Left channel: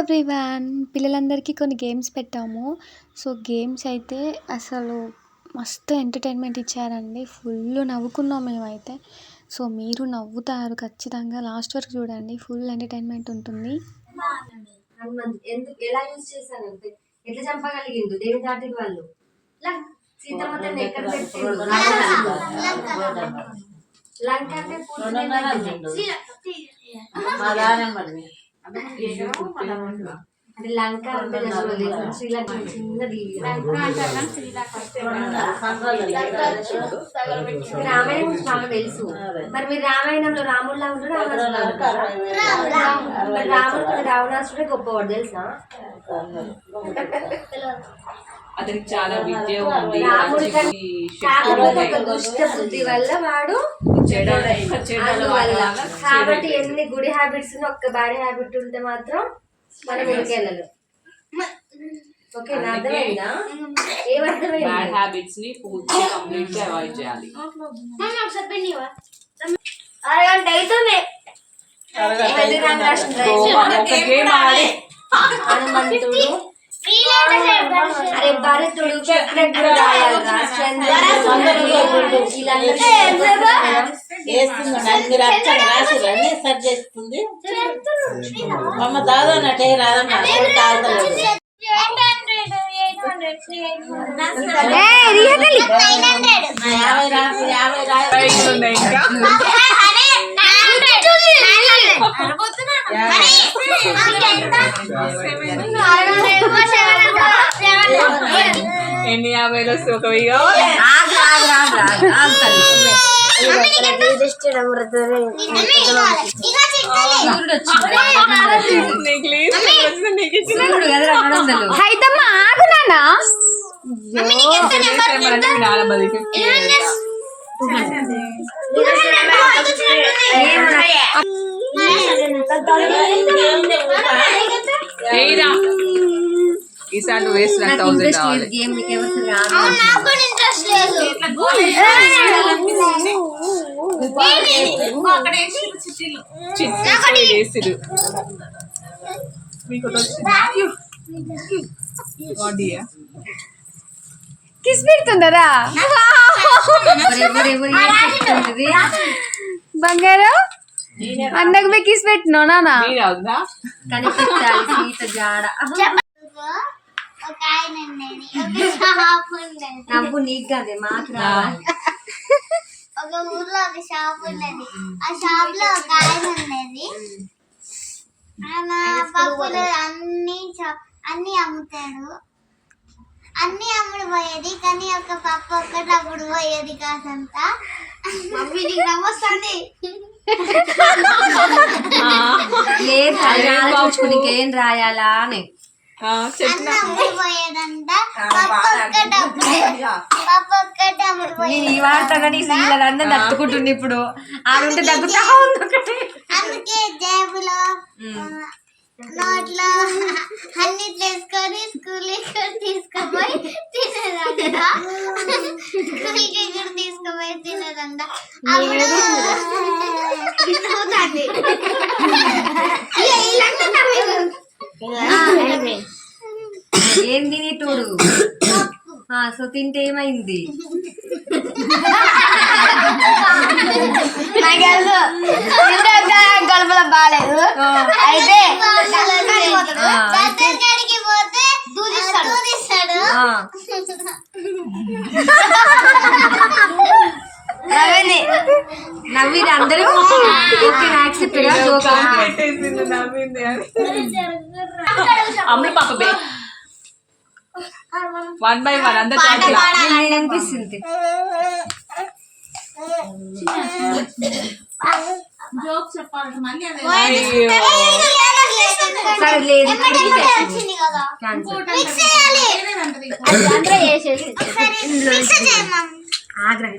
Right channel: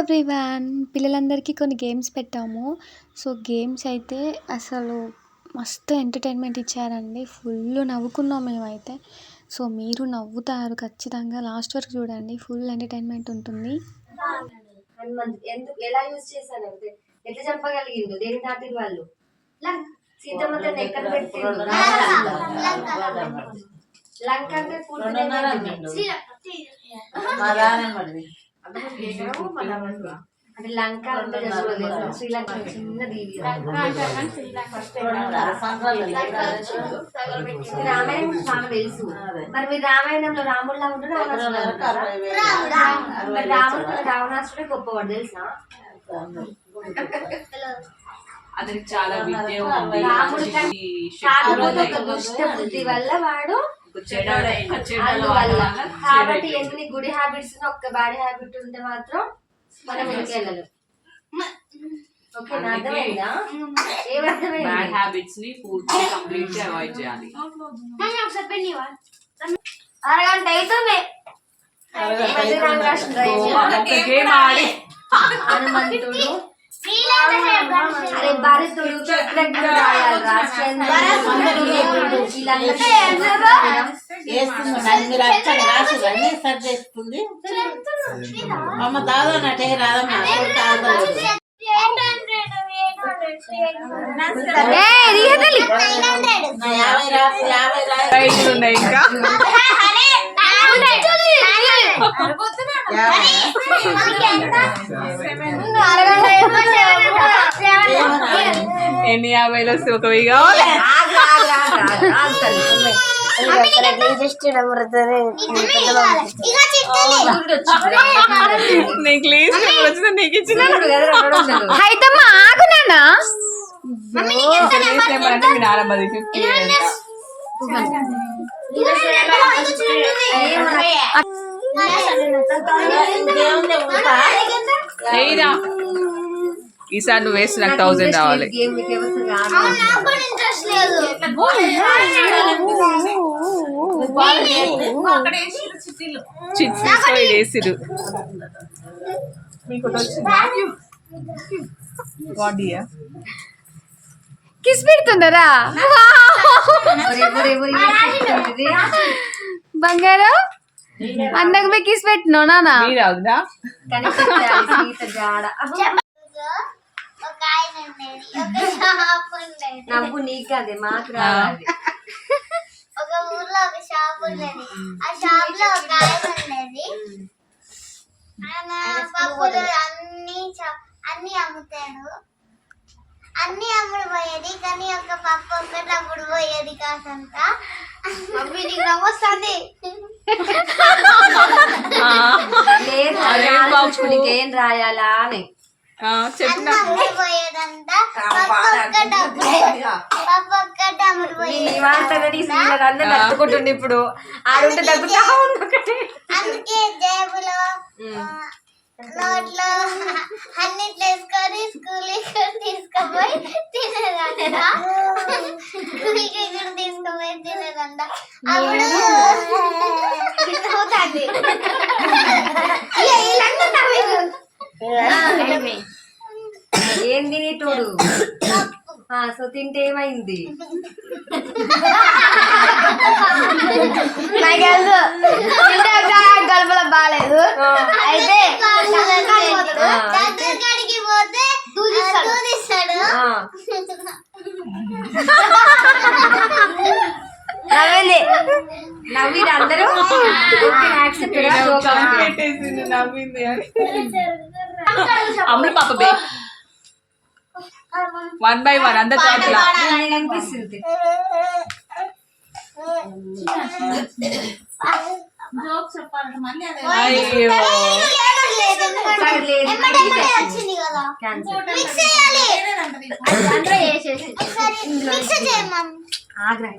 Everyone. పిల్లలందరికీ కొన్ని games పెట్టాము. సో గేమ్స్ అయితే అసలు మస్తు ఎంటర్టైన్మెంట్ ఇచ్చారండి. ఫుల్ నవ్వుకున్నాం మేమైతే. సో మీరు నవ్వుతారు ఖచ్చితంగా. లాస్ట్ వరకు చూడండి. ఫుల్ ఎంటర్టైన్మెంట్ ఉంటుంది. హనుమంత్ ఎందుకు ఎలా యూజ్ చేశాను అంటే ఎట్లా చంపగలిగిండు దేని దాటి వాళ్ళు? సీతమ్మ ఎక్కడ పెట్టిండు లంక. అంటే పూర్తి అంటే లంక శ్రీలంక చిన్న దీవి. మీ రామాయణం బాగా తెలుసు. మరి మీరు రామాయణంలో ఉంటాడు రావణాసురులా ఉంటారా? మరి రాముడు రావణాసుడే గొప్పవాడు తెలుసా. అతనికి చాలా విద్య ఉంది కాకపోతే ఒక దుష్ట బుద్ధి వల్ల వాడు కాబట్టి ఎన్ని గుడి హ్యాబిట్స్ ఒక్క బ్యాడ్ హ్యాబిట్ ఉంటే మాత్రం మనం ఇంకెళ్ళదు ఓకే అర్థమైందా? బ్యాడ్ ఏమర్థమైంది హ్యాబిట్స్ని పూర్తిగా కంప్లీట్గా అవాయిడ్ చేయాలి. అరగంట అవుతుంది గేమ్ ఆడి. హనుమంతుడు అరే భరతుడు చక్రజ్ఞుడు రాయాలి చేస్తుంది అమ్మ దాదా నటే రాదమ్మ యాభై రాదు యాభై ఇంకా. ఎన్ని వస్తే ఒక హైతమ్మ ఆగు నాన్న ఈసారి నువ్వు వేసిన థౌసండ్ రాదు. చిట్టి వేసిరు కిస్ పెడుతుందరా? బంగారం? అన్నకు ఆయన ఉండేది ఒక షాప్ ఉండేది నవ్వు నీకు కదే మాకు రావాలి. ఒక ఊర్లో ఒక షాప్ ఉండేది ఆ షాప్లో ఒక ఆయన ఉండేది ఆయన పప్పులు అన్ని చ- అన్ని అమ్ముతాడు. అన్ని అమ్ముడు పోయేది కానీ ఒక పప్పు ఒక్కటి అమ్ముడు పోయేది కాసంత మమ్మీ నీకు నమ్మొస్తుంది లేదు అది ఆలోచించుకుని నీకేం రాయాలా అని. నేను ఈ వాడతా కానీ అందరం తట్టుకుంటుంది ఇప్పుడు. ఆడుంటే తగ్గుతా ఉంది ఒకటి అందుకే జేబులో ఆ, నోట్లో అన్ని తీసుకొని స్కూల్ తీసుకుపోయి తినేదంట. స్కూల్కి ఇక్కడ తీసుకుపోయి తినేదంట. అప్పుడు అవుతుంది. ఇక వీళ్ళంతా నవ్వేవారు. ఏం తిని తోడు ఆ, సో తింటే ఏమైంది? కడుపులో బాగాలేదు అయితే. నవ్వింది. నవ్వింది. అందరూ ఓకే యాక్సెప్టెడ్ జోక్. అమ్ముడు పాప బే వన్ బై వన్ అందరు అనిపిస్తుంది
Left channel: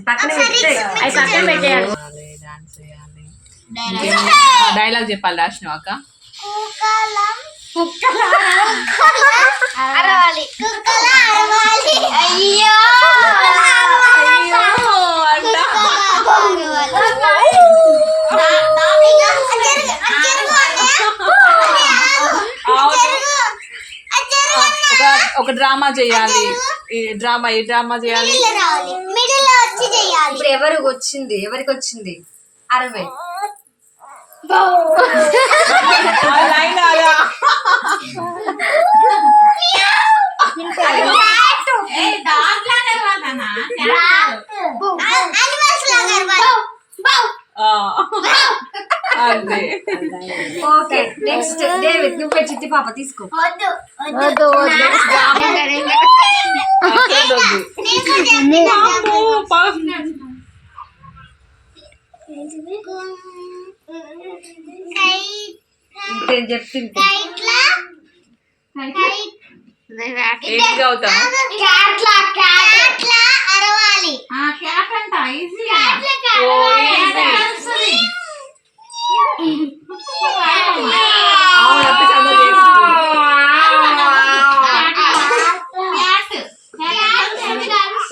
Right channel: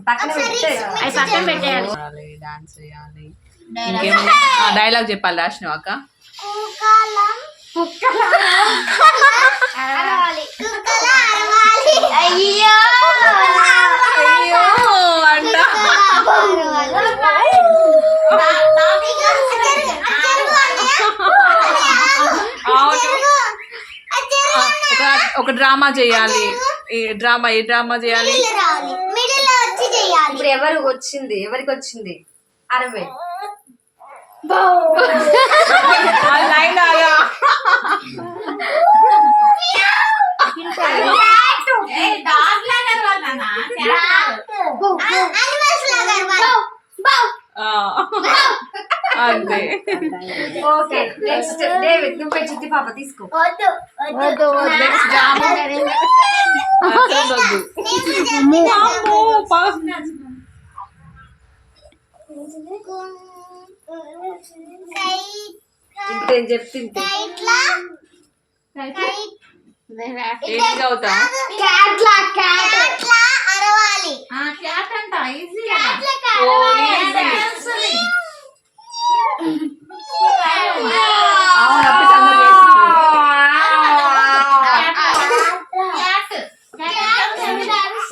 పక్కన పెట్టేయాలి. డైలాగ్ చెప్పాలి రాసిన అక్క? అరవాలి కుక్కల అరవాలి అయ్యో ఒక డ్రామా చేయాలి. ఈ డ్రామా ఏ డ్రామా చేయాలి. ఇప్పుడు ఎవరు వచ్చింది? ఎవరికి వచ్చింది? అరవై. లైన్ ఆగా అనిమల్స్ లాగా అరవాలి. ఆ. అంతే ఓకే నెక్స్ట్ డేవిడ్ నువ్వే చిట్టి పాప తీసుకో వద్దు వద్దు వద్దు అసలు ఇంకేం చెప్తుంది కైట్లా? కైట్ ఏంటి గౌతమ్ క్యాట్లా క్యాట్లా అరవాలి. ఓ, easy. అవును, అప్పి సంగతి చేసింది.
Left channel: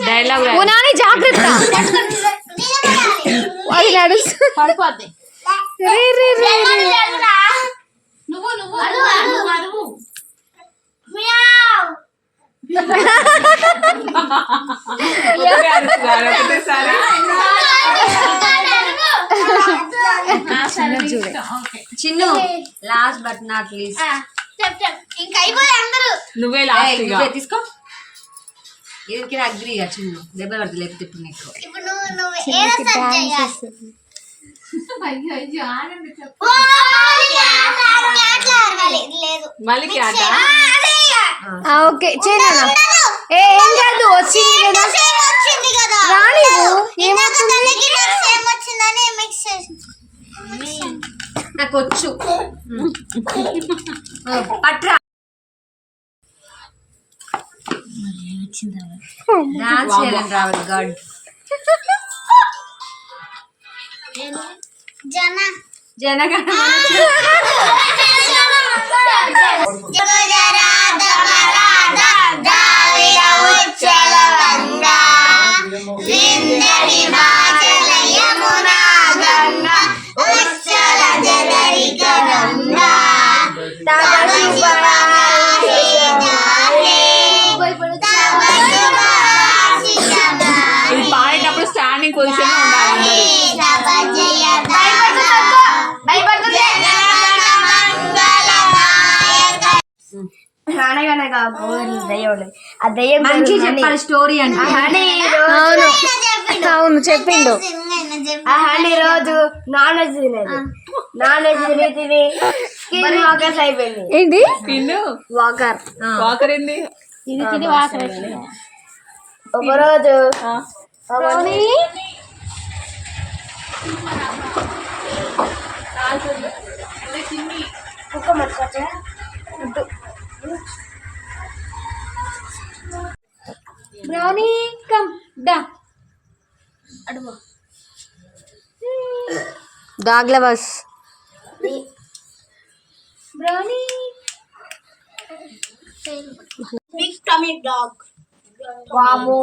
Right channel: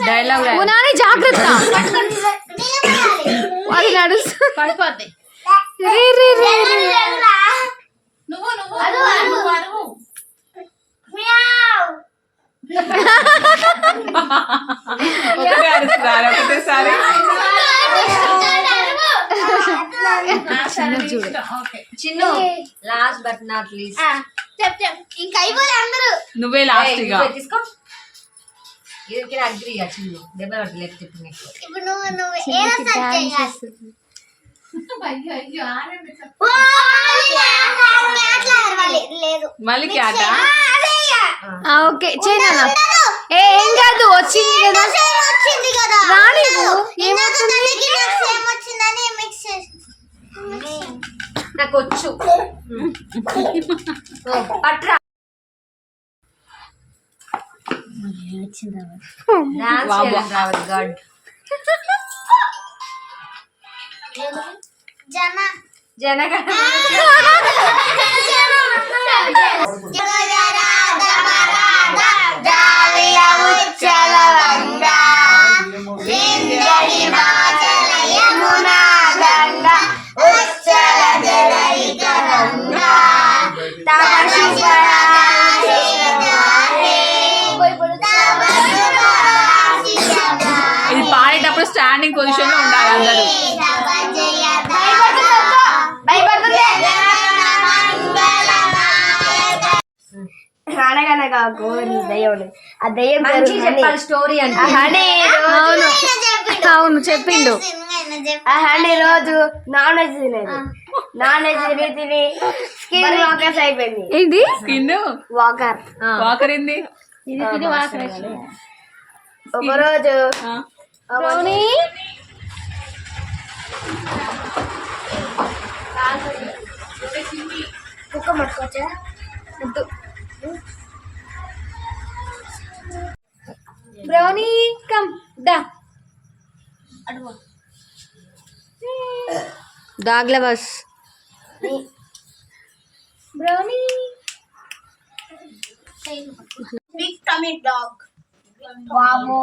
డైలాగ్ ఓ నాని జాగ్రత్త. అది నడుస్తు పడిపోద్ది. చిన్నది చూడే. Chinnu last but not least చెప్ చెప్ ఇంకా అయిపోయి అందరూ. నువ్వే లాస్ట్ తీసుకో. ఇది అగ్రి చిన్ను. దెబ్బ పడుతుంది లేకపోతే ఇప్పుడు నీకు. ఇప్పుడు నువ్వు నువ్వు అయ్యో అయ్యో ఆనంద చెప్పు ఓ, క్యాట్లా అరవాలి లేదు మళ్ళీ క్యాట ఆ, అదే ఇక. ఆ, ఓకే చేయనా ఏ ఏం కాదు వచ్చింది కదా. సేమ్ వచ్చింది కదా. రాని ఏమవుతుంది? ఇంకొకరికి నాకు వచ్చు. పట్రా. డాన్స్ రావాలి గాడ్. जाना जाना का స్టాండింగ్ పొజిషన్లో ఉండాలి అందరూ. అనగనగా గోరి దయ్యం. ఆ దయ్యం మంచి. చెప్పాలి స్టోరీ అంటే. అవును. అవును చెప్పిండు. ఆ హనీ రోజు నాన్ వెజ్ తినేది. నాన్ వెజ్ తిని తిని స్కిన్ వాకర్స్ అయిపోయింది. ఏంటి? కిండు వాకర్. వాకరింది ఒక రోజు బ్రౌనీ వద్దు. బ్రౌనీ కమ్ దా దాగ్ల బస్ బ్రౌనీ బిగ్ డాగ్ వామో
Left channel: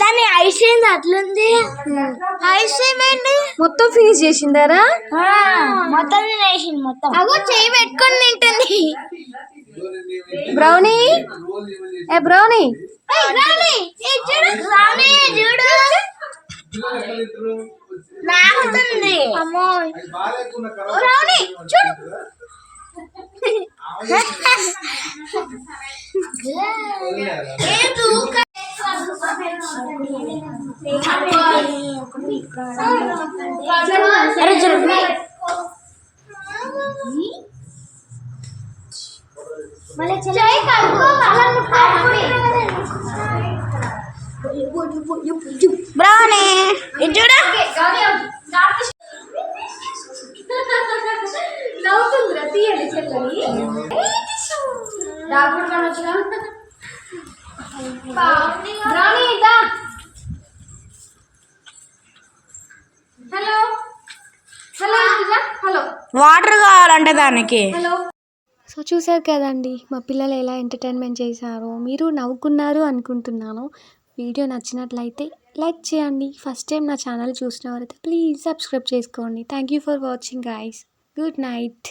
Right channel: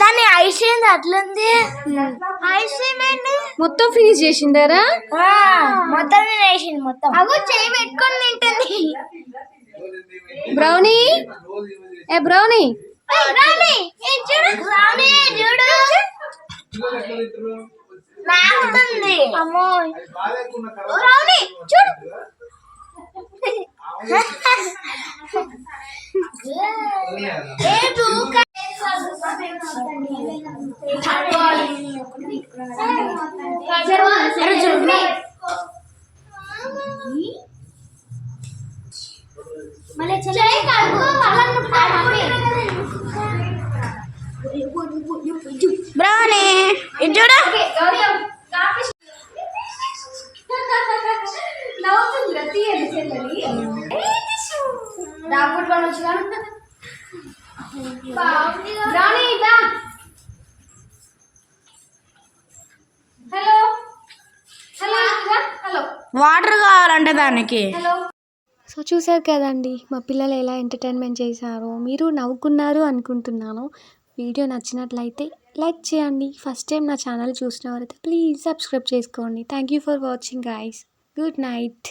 దాని ఐస్ ఏంది అట్లుంది. ఐస్ ఏమైంది మొత్తం ఫినిష్ చేసిందారా మొత్తం వేసింది మొత్తం. అగో చేయి పెట్టుకొని తింటుంది. బ్రౌనీ? ఏ బ్రౌనీ? అమ్మో. చూడు. ఏ దూక బ్రౌనీ ఇది చూడు. బ్రౌనీ దా హలో వాటర్ కావాలంటే దానికి. సో చూసారు కదండి మా పిల్లలు ఎలా ఎంటర్టైన్మెంట్ చేశారో మీరు నవ్వుకున్నారు అనుకుంటున్నాను. వీడియో నచ్చినట్లయితే లైక్ చేయండి. ఫస్ట్ టైం నా ఛానల్ చూసిన వారైతే ప్లీజ్ సబ్స్క్రైబ్ చేసుకోండి. Thank you for watching guys good night